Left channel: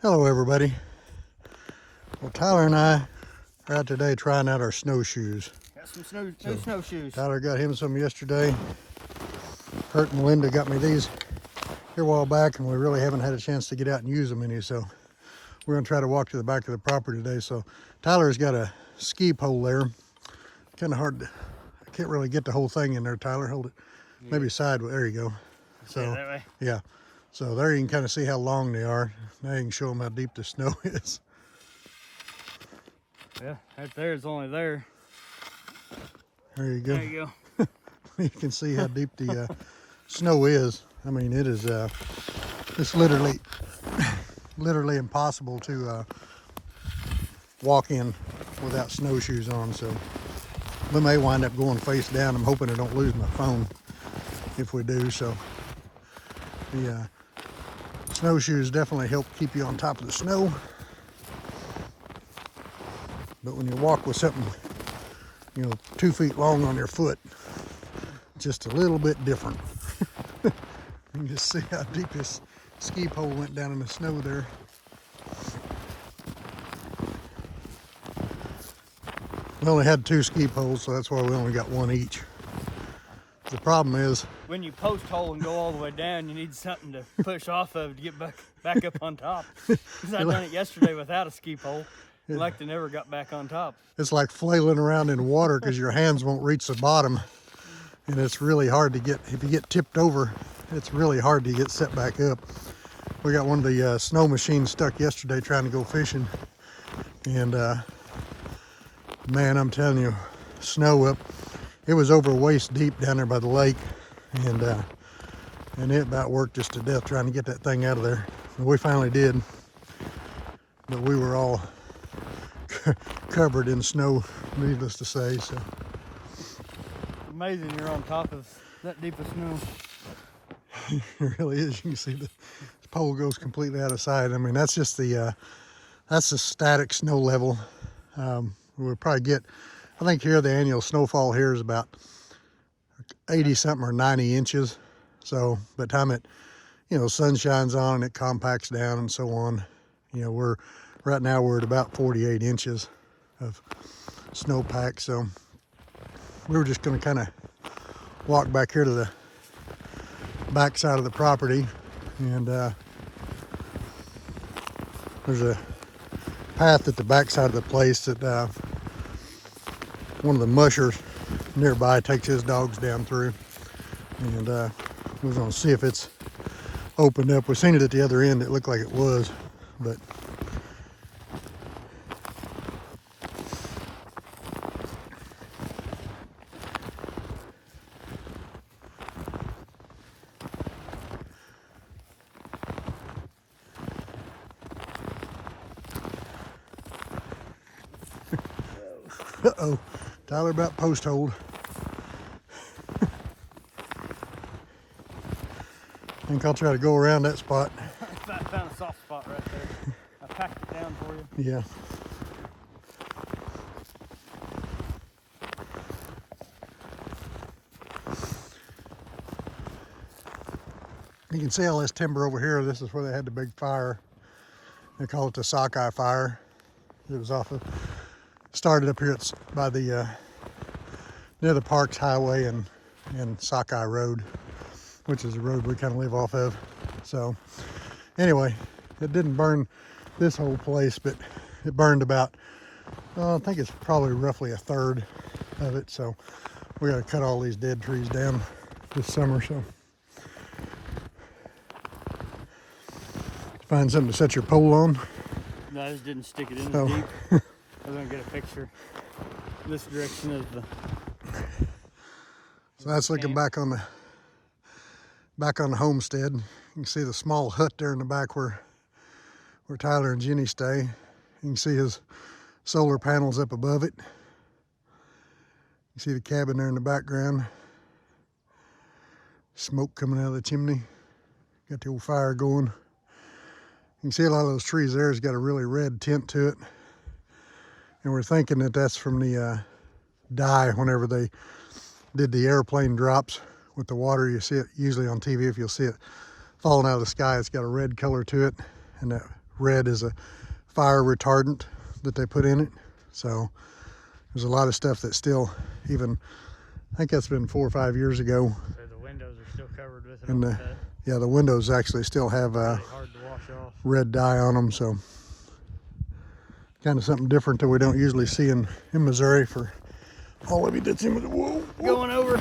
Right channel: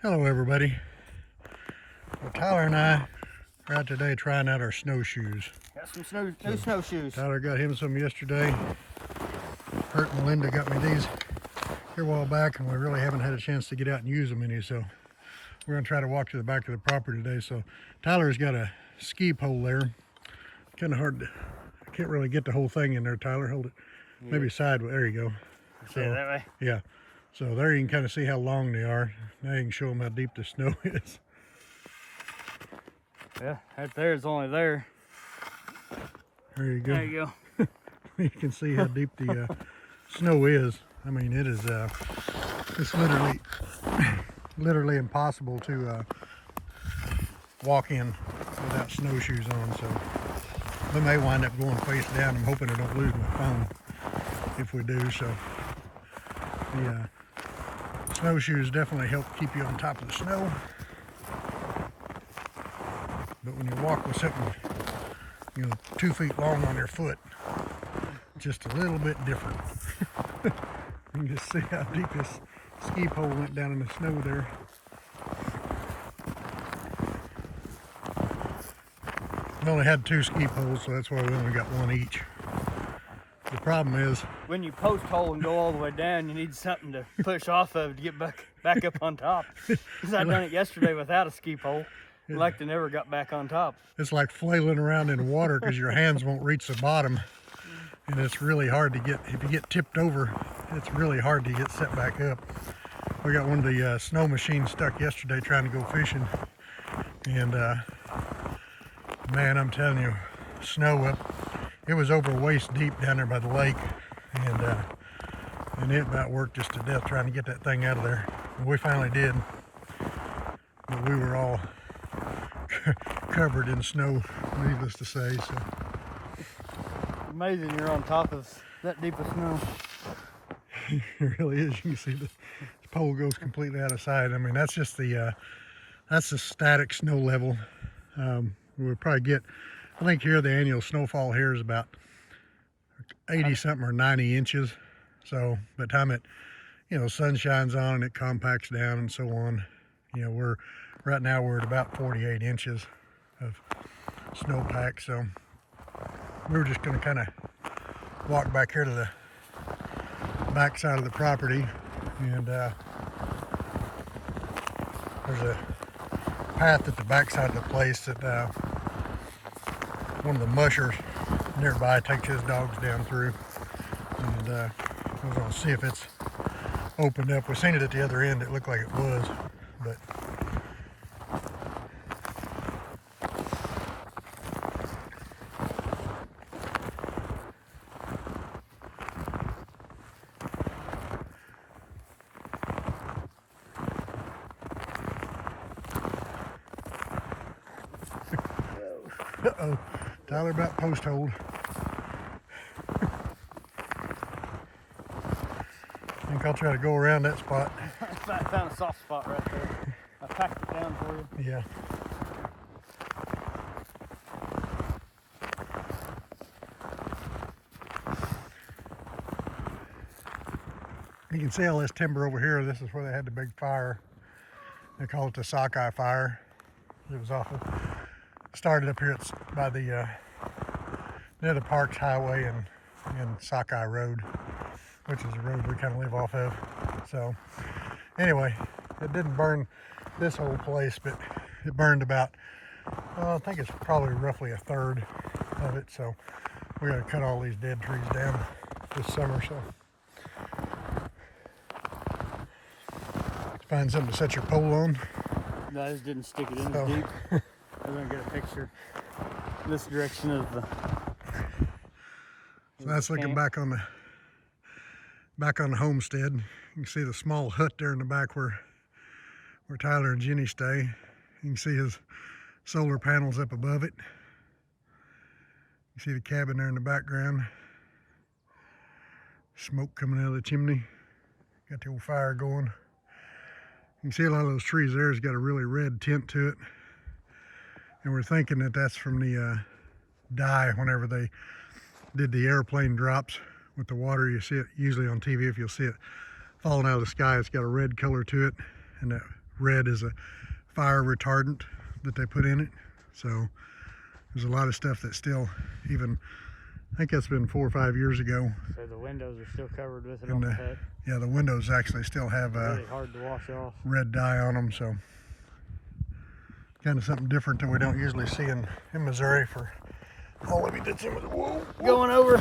Hello everybody. Well, Tyler and I are out today trying out our snowshoes. Got some new snowshoes. Tyler got him some yesterday. Kurt and Linda got me these here a while back, and we really haven't had a chance to get out and use them any, so we're going to try to walk to the back of the property today. So Tyler's got a ski pole there. Kind of hard to, I can't really get the whole thing in there. Tyler, hold it maybe sideways. There you go. So that way. yeah, so there you can kind of see how long they are. Now you can show them how deep the snow is. Yeah, right there is only there. There you go. There you go. You can see how deep the snow is. I mean, it is it's literally impossible to walk in without snowshoes on. So we may wind up going face down. I'm hoping I don't lose my phone if we do. So the snowshoes definitely help keep you on top of the snow. But when you walk with something, 2 feet long on your foot, just a little bit different. You can just see how deep this ski pole went down in the snow there. We only had 2 ski poles, so that's why we only got 1 each. The problem is, when you post hole and go all the way down, you need something to push off of to get back up on top. Because I done it yesterday without a ski pole. Like they never got back on top. It's like flailing around in water because your hands won't reach the bottom. And it's really hard to get, if you get tipped over, it's really hard to get set back up. We got one of the snow machines stuck yesterday trying to go fishing. And man, I'm telling you, snow up. It was over waist deep down there by the lake. And it about worked just to death trying to get that thing out of there. And we finally did. But we were all covered in snow, needless to say. So amazing you're on top of that deep of snow. It really is. You can see the pole goes completely out of sight. I mean, that's just the that's the static snow level. We'll probably get, I think here the annual snowfall here is about 80 something or 90 inches. So by the time it, sun shines on and it compacts down and so on, right now we're at about 48 inches of snowpack. So we were just going to kind of walk back here to the back side of the property, and there's a path at the back side of the place that one of the mushers nearby takes his dogs down through, and we're going to see if it's opened up. We've seen it at the other end. It looked like it was, but uh-oh, Tyler about post hold. I think I'll try to go around that spot. I found a soft spot right there. I packed it down for you. Yeah. You can see all this timber over here. This is where they had the big fire. They call it the Sockeye fire. It was started up here by the near the Parks Highway and Sockeye Road, which is the road we kind of live off of. So anyway, it didn't burn this whole place, but it burned about, I think it's probably roughly a third of it. So we got to cut all these dead trees down this summer. So find something to set your pole on. No, I just didn't stick it in as deep. I'm gonna get a picture. This direction is the. So that's looking back on the homestead. You can see the small hut there in the back where Tyler and Jenny stay. You can see his solar panels up above it. You see the cabin there in the background. Smoke coming out of the chimney. Got the old fire going. You can see a lot of those trees there has got a really red tint to it. And we're thinking that that's from the dye whenever they did the airplane drops with the water. You see it usually on TV. If you'll see it falling out of the sky, it's got a red color to it. And that red is a fire retardant that they put in it. So there's a lot of stuff that still, even, I think that's been 4 or 5 years ago. So the windows are still covered with it. And yeah, the windows actually still have really hard to wash off. red dye on them. So kind of something different that we don't usually see in Missouri. For oh, let me ditch him. Going over.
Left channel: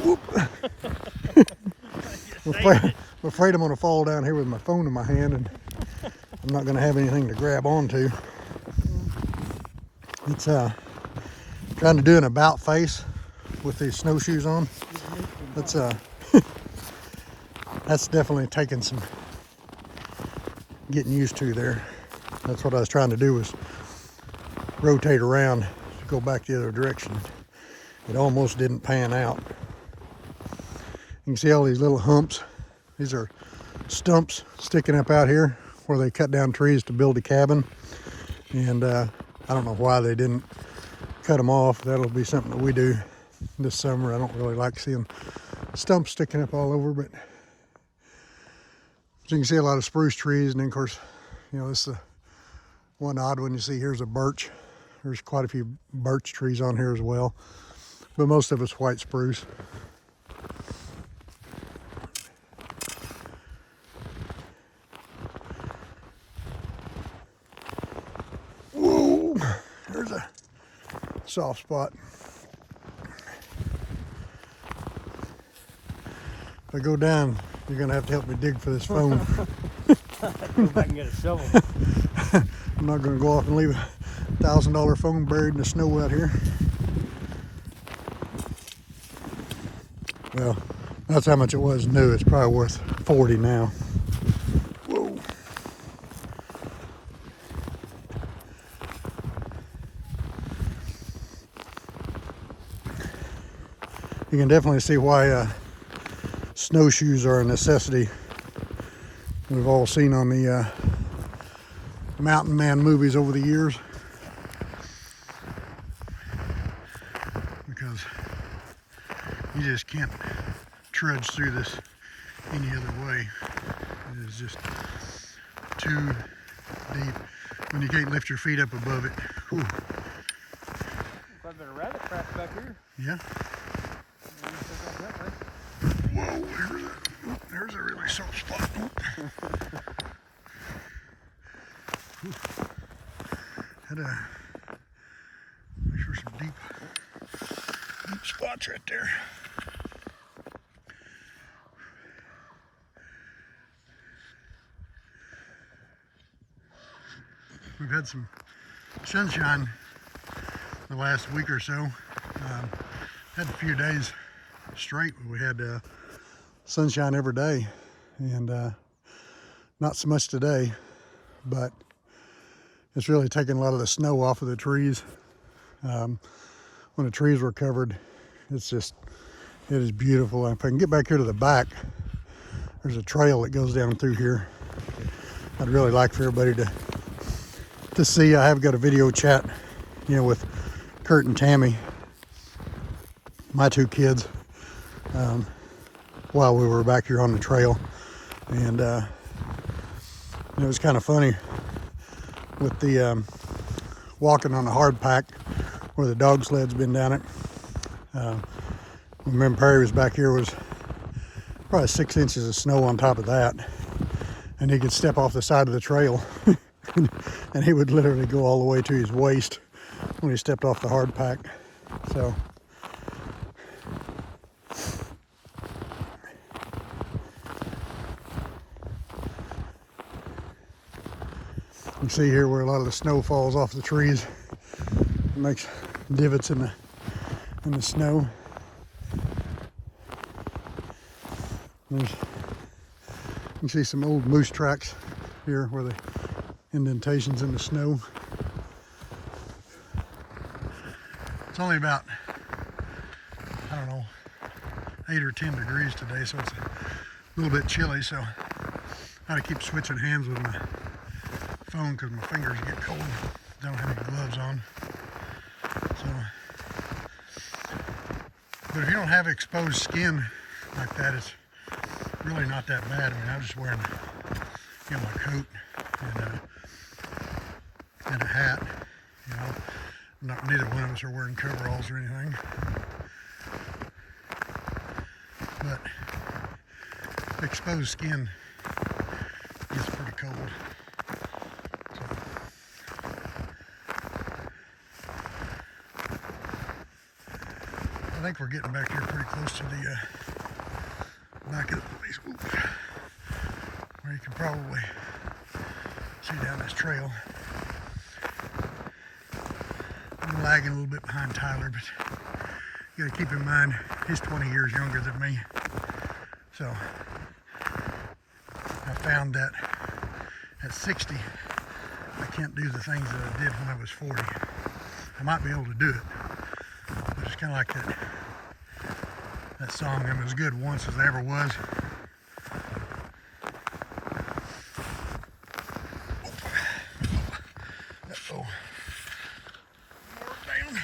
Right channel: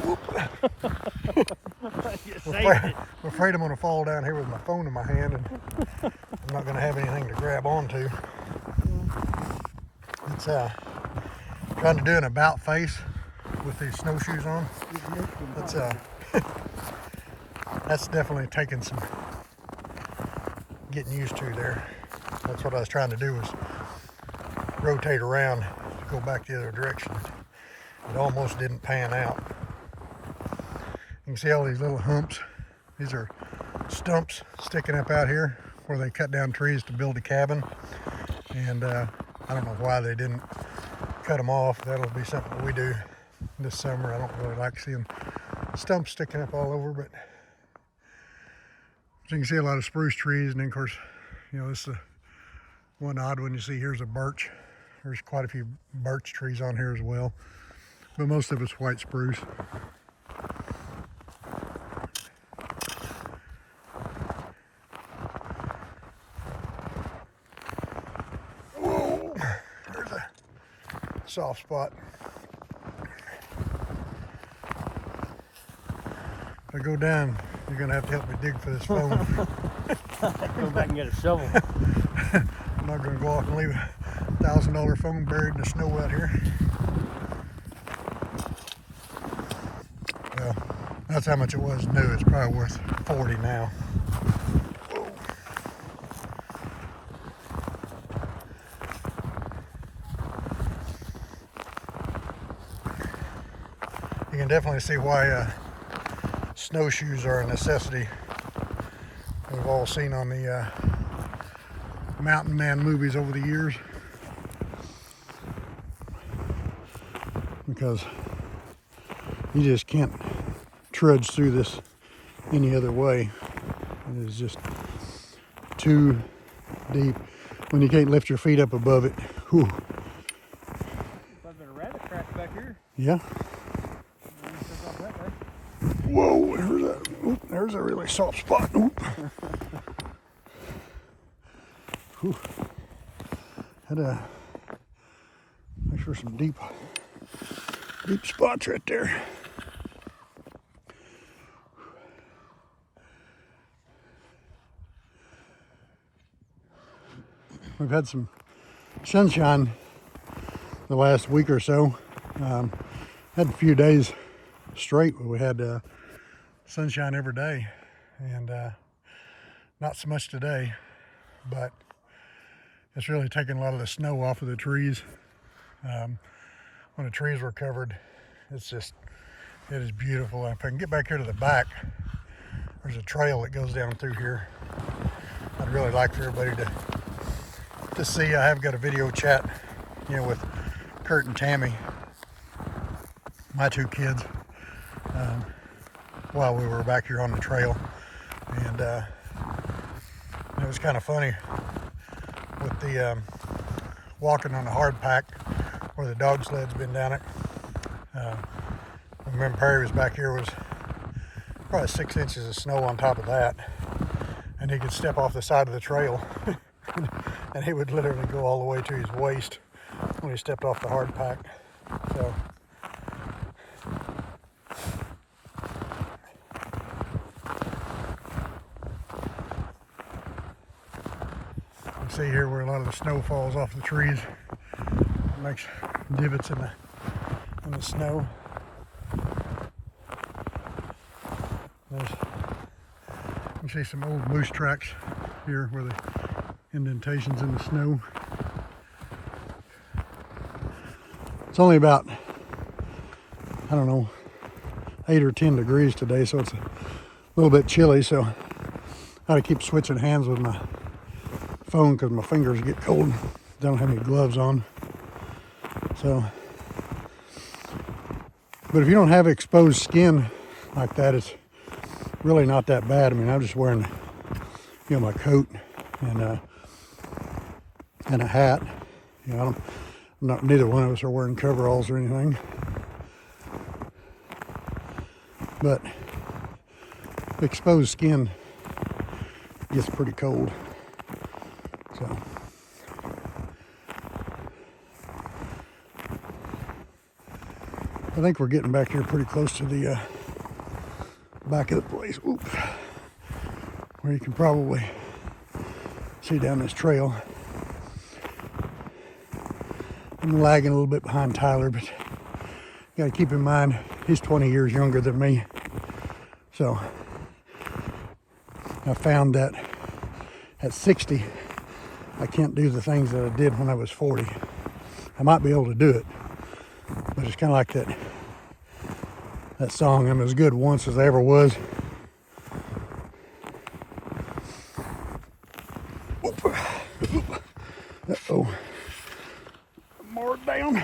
I'm afraid I'm going to fall down here with my phone in my hand, and I'm not going to have anything to grab onto. It's trying to do an about face with these snowshoes on. That's that's definitely taking some getting used to there. That's what I was trying to do, was rotate around, go back the other direction. It almost didn't pan out. You can see all these little humps. These are stumps sticking up out here where they cut down trees to build a cabin. And I don't know why they didn't cut them off. That'll be something that we do this summer. I don't really like seeing stumps sticking up all over, but so you can see a lot of spruce trees. And then of course, you know, this is one odd one you see. Here's a birch. There's quite a few birch trees on here as well, but most of it's white spruce. There's a soft spot. If I go down, you're gonna have to help me dig for this phone. Go back and get a shovel. I'm not gonna go off and leave a $1,000 phone buried in the snow out here. Well, that's how much it was new. It's probably worth 40 now. You can definitely see why snowshoes are a necessity. You've all seen on the Mountain Man movies over the years, because you just can't trudge through this any other way. It is just too deep when you can't lift your feet up above it. Whew. Quite a bit of rabbit traps back here. Yeah. Whoa, there's that. Oop, there's a really soft spot. Had a, make sure some deep spots right there. We've had some sunshine the last week or so. Had a few days straight where we had sunshine every day, and not so much today, but it's really taken a lot of the snow off of the trees. When the trees were covered, it's just, it is beautiful. If I can get back here to the back, there's a trail that goes down through here. I'd really like for everybody to see. I have got a video chat, you know, with Kurt and Tammy, my two kids, while we were back here on the trail. And it was kind of funny with the walking on the hard pack where the dog sled's been down it. Remember, Perry was back here, was probably 6 inches of snow on top of that, and he could step off the side of the trail and he would literally go all the way to his waist when he stepped off the hard pack. So you can see here where a lot of the snow falls off the trees. It makes divots in the snow. You can see some old moose tracks here where the indentations in the snow. It's only about, I don't know, 8 or 10 degrees today, so it's a little bit chilly, so I had to keep switching hands with my phone because my fingers get cold. Don't have any gloves on. So, but if you don't have exposed skin like that, it's really not that bad. I mean, I'm just wearing, you know, my coat, and and a hat. You know, neither one of us are wearing coveralls or anything. But exposed skin gets pretty cold. So I think we're getting back here pretty close to the back of the place. Oop. Where you can probably see down this trail. I'm lagging a little bit behind Tyler, but you gotta keep in mind he's 20 years younger than me. So I found that at 60, I can't do the things that I did when I was 40. I might be able to do it, but it's kind of like that song, I'm as good once as I ever was. Uh-oh. More down.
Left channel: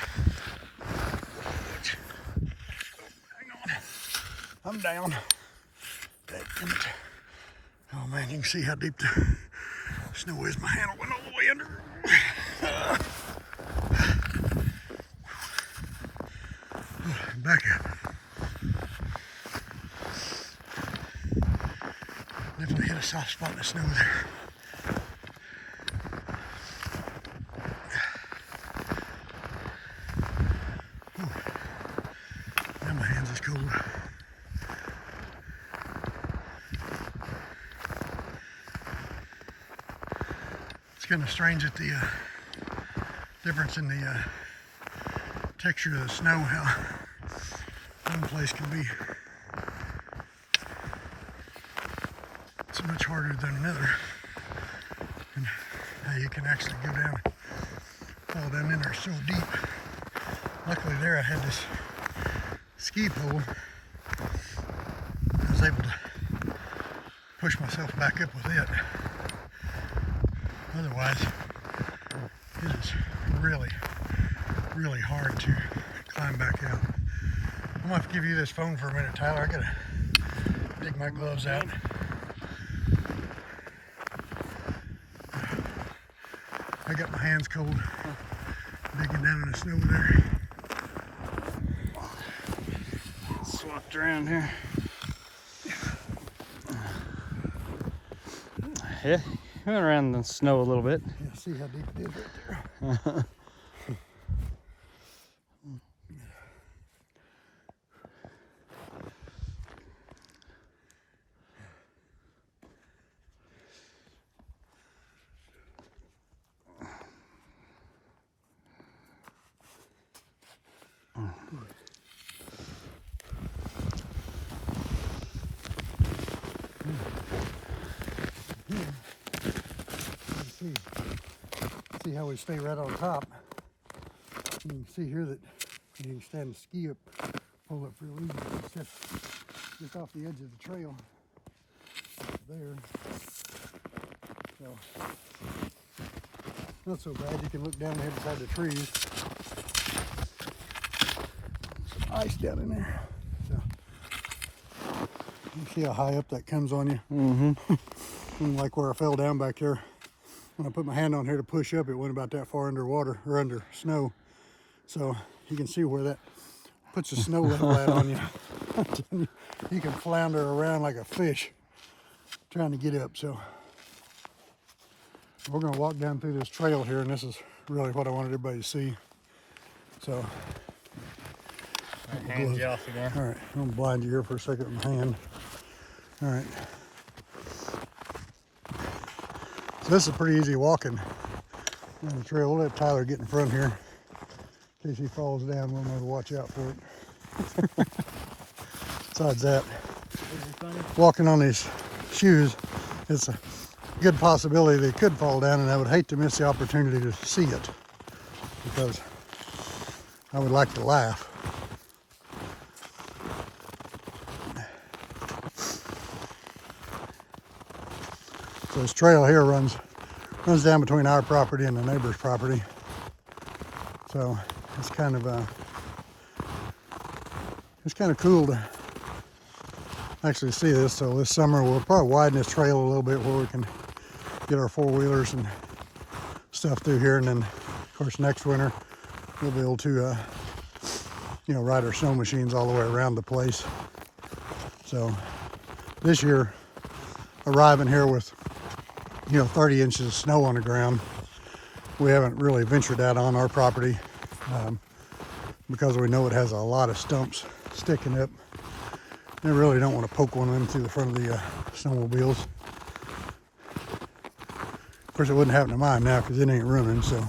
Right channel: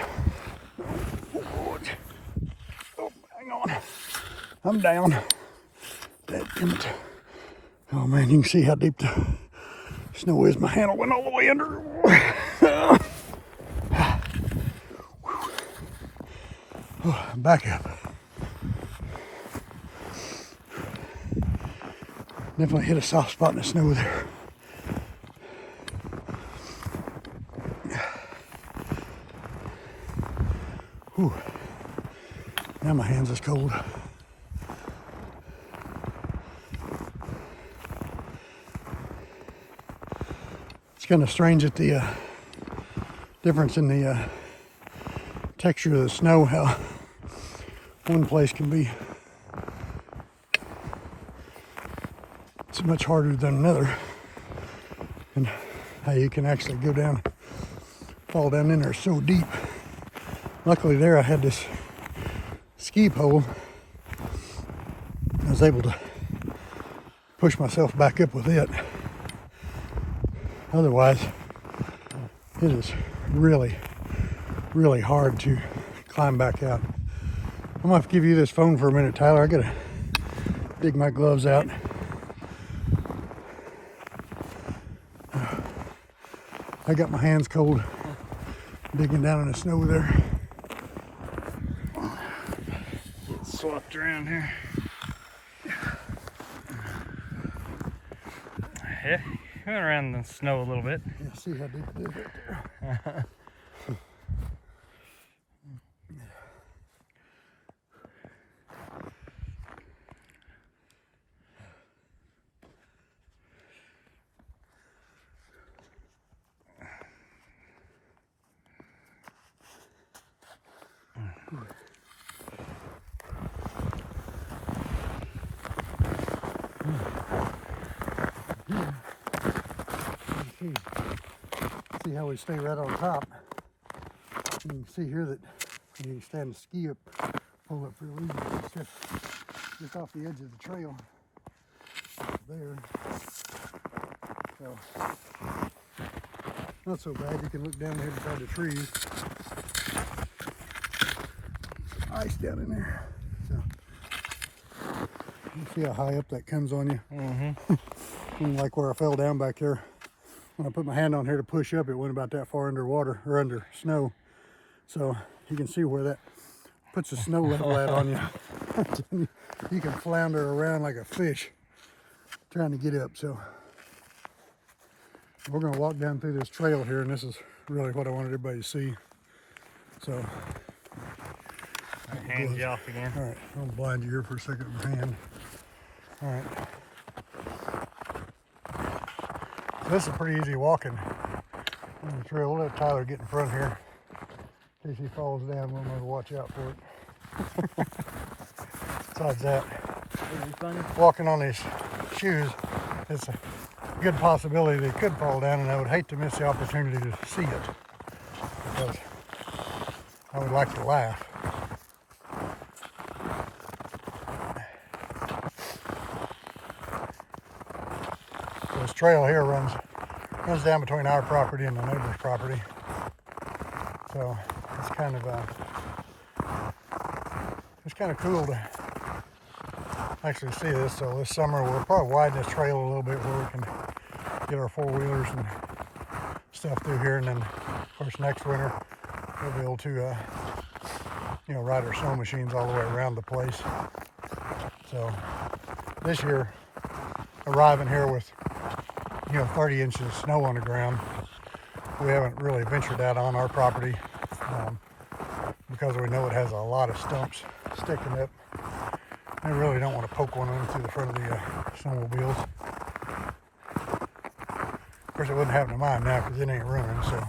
Oh, hang on. I'm down. Oh man, you can see how deep the snow is. My handle went all the way under. Oh, back up. Definitely hit a soft spot in the snow there. Whew. Now my hands is cold. It's kind of strange that the difference in the texture of the snow, how one place can be so much harder than another, and how you can actually go down, fall down in there so deep. Luckily there I had this ski pole. I was able to push myself back up with it. Otherwise, it is really, really hard to climb back out. I'm gonna have to give you this phone for a minute, Tyler. I gotta dig my gloves out. I got my hands cold digging down in the snow there. Swapped around here. Yeah, we went around the snow a little bit. Yeah, see how deep it is right there. See how we stay right on top. You can see here that you can stand the ski up, pull up real easy. It's just off the edge of the trail there. So not so bad. You can look down here beside the trees. Ice down in there. So you see how high up that comes on you. Mm-hmm. Like where I fell down back there. When I put my hand on here to push up, it went about that far underwater or under snow. So you can see where that puts the snow level at on you. You can flounder around like a fish trying to get up. So we're going to walk down through this trail here, and this is really what I wanted everybody to see. So hands you off again. All right, I'm going to blind you here for a second with my hand. All right. So this is pretty easy walking on the trail. We'll let Tyler get in front here in case he falls down. I'm going to watch out for it. Besides that, walking on these shoes, it's a good possibility they could fall down, and I would hate to miss the opportunity to see it because I would like to laugh. So this trail here runs down between our property and the neighbor's property. So it's kind of cool to actually see this. So this summer we'll probably widen this trail a little bit where we can get our four-wheelers and stuff through here, and then of course next winter we'll be able to ride our snow machines all the way around the place. So this year, arriving here with 30 inches of snow on the ground, we haven't really ventured out on our property because we know it has a lot of stumps sticking up. We really don't want to poke one into the front of the snowmobiles. Of course, it wouldn't happen to mine now because it ain't running, so.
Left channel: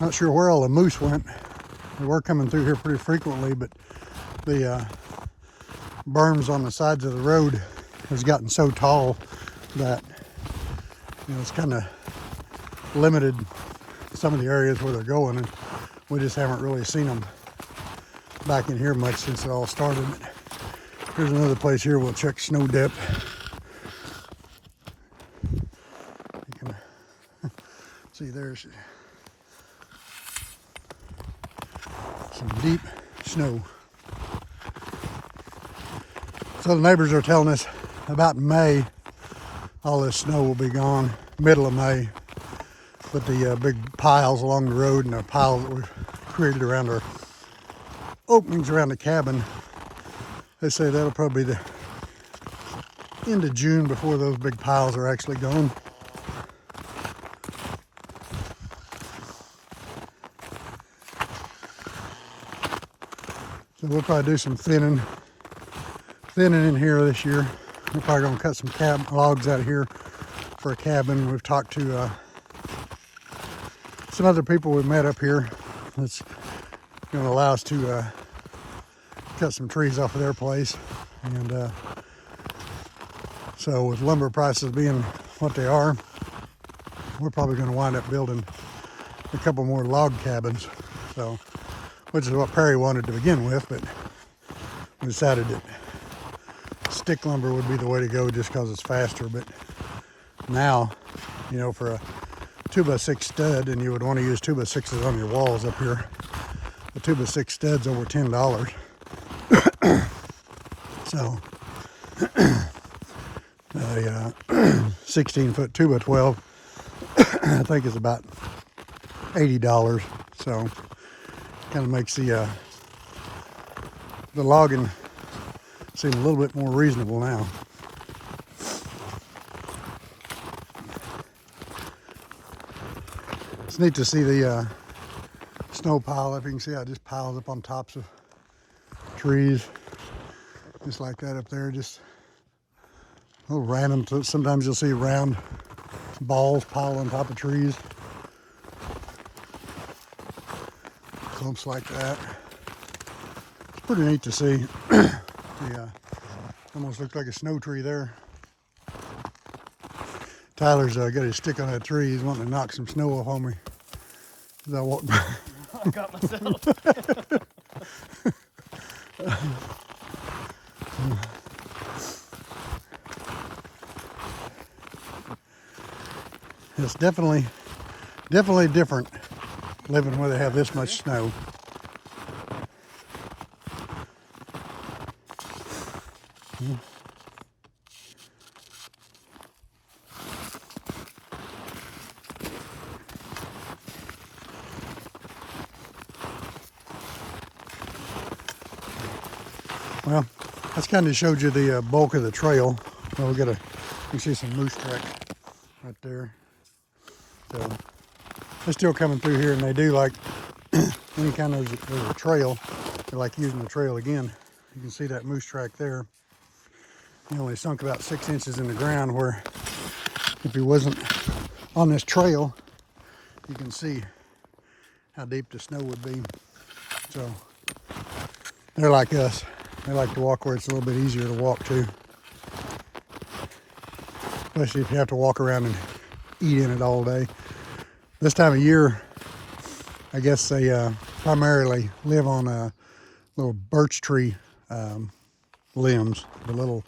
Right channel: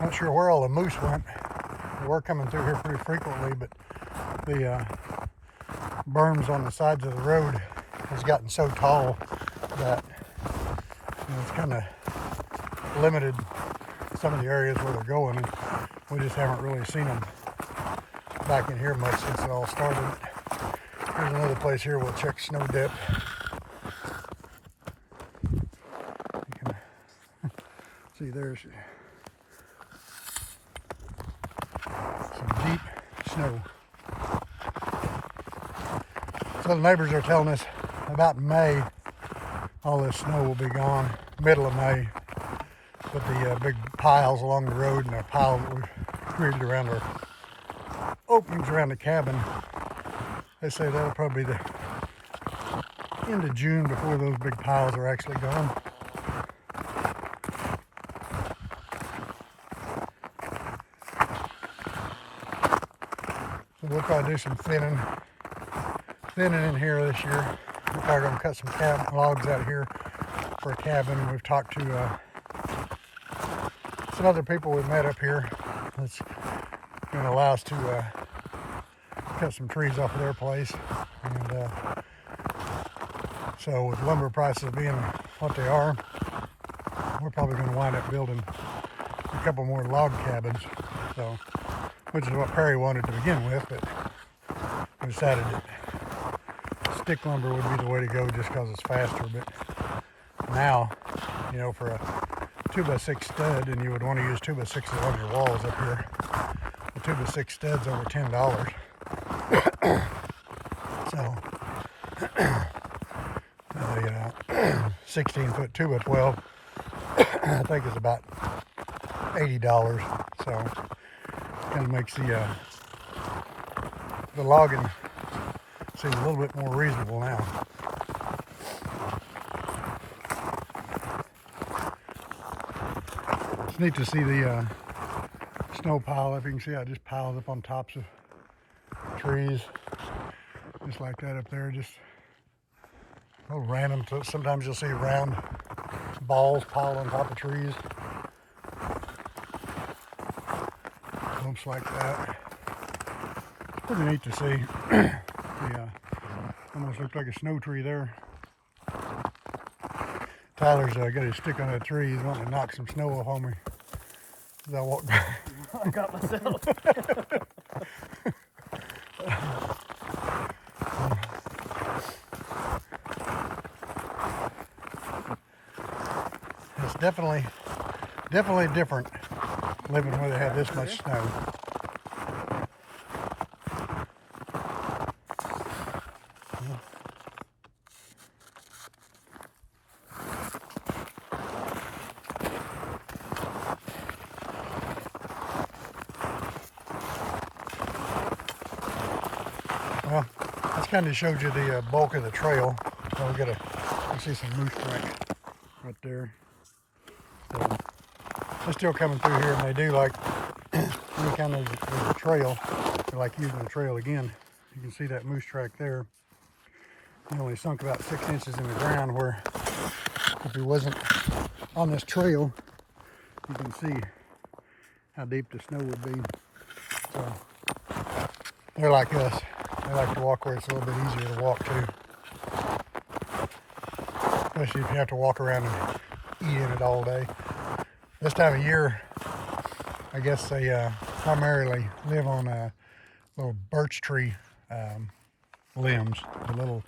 Not sure where all the moose went. They were coming through here pretty frequently, but the berms on the sides of the road has gotten so tall that it's kind of limited some of the areas where they're going, and we just haven't really seen them back in here much since it all started. Here's another place here we'll check snow depth. You can see there's some deep snow. So the neighbors are telling us about May all this snow will be gone, middle of May. But the big piles along the road and the pile that we've created around our openings around the cabin, they say that'll probably be the end of June before those big piles are actually gone. So we'll probably do some thinning in here this year. We're probably going to cut some logs out of here for a cabin. We've talked to some other people we've met up here that's going to allow us to cut some trees off of their place. And so with lumber prices being what they are, we're probably going to wind up building a couple more log cabins. So, which is what Perry wanted to begin with, but we decided that stick lumber would be the way to go just because it's faster. But now, for a 2x6 stud, and you would want to use 2x6s on your walls up here, the 2x6 stud's over $10. So a 16-foot 2x12 I think is about $80. So kind of makes the logging seem a little bit more reasonable now. It's neat to see the snow pile up. You can see how it just piles up on tops of trees, just like that up there. Just little random. Sometimes you'll see round balls pile on top of trees, clumps like that. It's pretty neat to see. Almost looked like a snow tree there. Tyler's got his stick on that tree. He's wanting to knock some snow off on me. I got myself. It's definitely different living where they have this much snow. Well, this kind of showed you the bulk of the trail. And you see some moose tracks right there. So they're still coming through here, and they do like any kind of a trail. They like using the trail again. You can see that moose track there. He only sunk about 6 inches in the ground, where if he wasn't on this trail, you can see how deep the snow would be. So they're like us. They like to walk where it's a little bit easier to walk to. Especially if you have to walk around and eat in it all day. This time of year, I guess they primarily live on little birch tree limbs. The little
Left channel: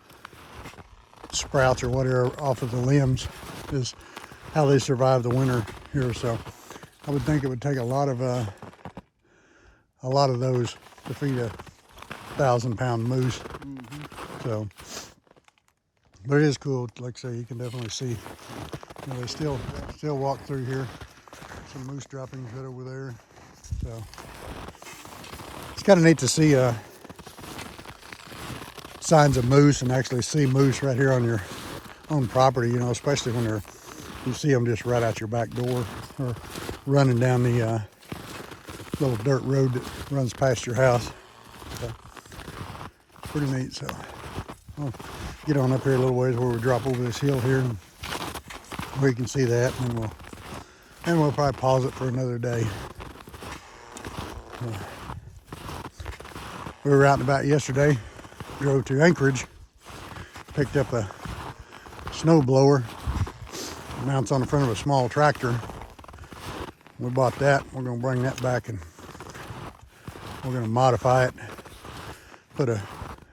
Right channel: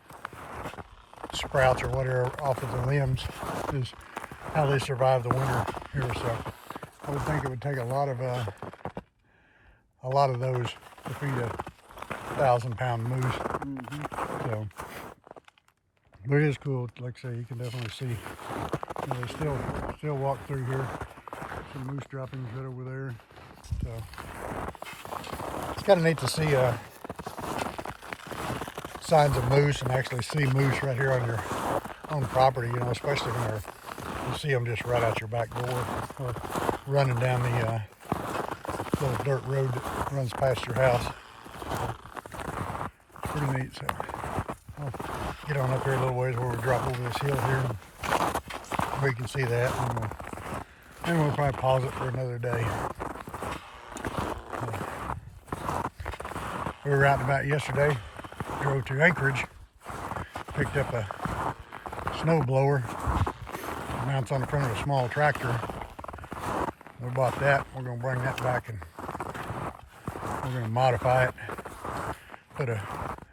sprouts or whatever off of the limbs is how they survive the winter here. So I would think it would take a lot of those to feed a 1,000-pound moose. So, but it is cool. Like I say, you can definitely see. You know, still walk through here. Some moose droppings right over there. So, it's kind of neat to see signs of moose and actually see moose right here on your own property. You know, especially when you see them just right out your back door, running down the little dirt road that runs past your house. Pretty neat. So we'll get on up here a little ways where we drop over this hill here, and we can see that, and we'll probably pause it for another day. We were out and about yesterday. Drove to Anchorage, picked up a snow blower. It mounts on the front of a small tractor. We bought that. We're going to bring that back and we're going to modify it. Put a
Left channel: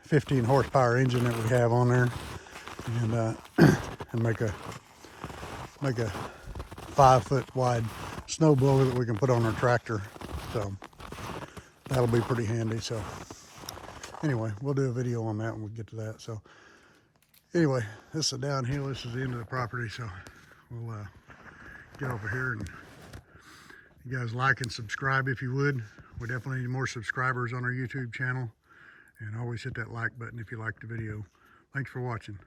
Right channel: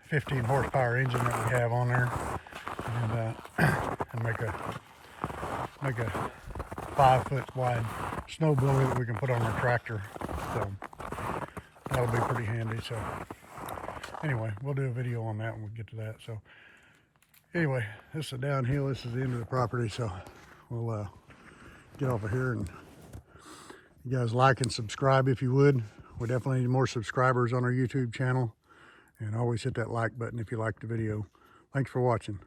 15 horsepower engine that we have on there, and make a 5-foot wide snow blower that we can put on your tractor. So that'll be pretty handy. So anyway, we'll do a video on that when we get to that. So anyway, this is a downhill. This is the end of the property. So we'll get over here, and you guys like and subscribe if you would. We definitely need more subscribers on our YouTube channel, and always hit that like button if you like the video. Thanks for watching.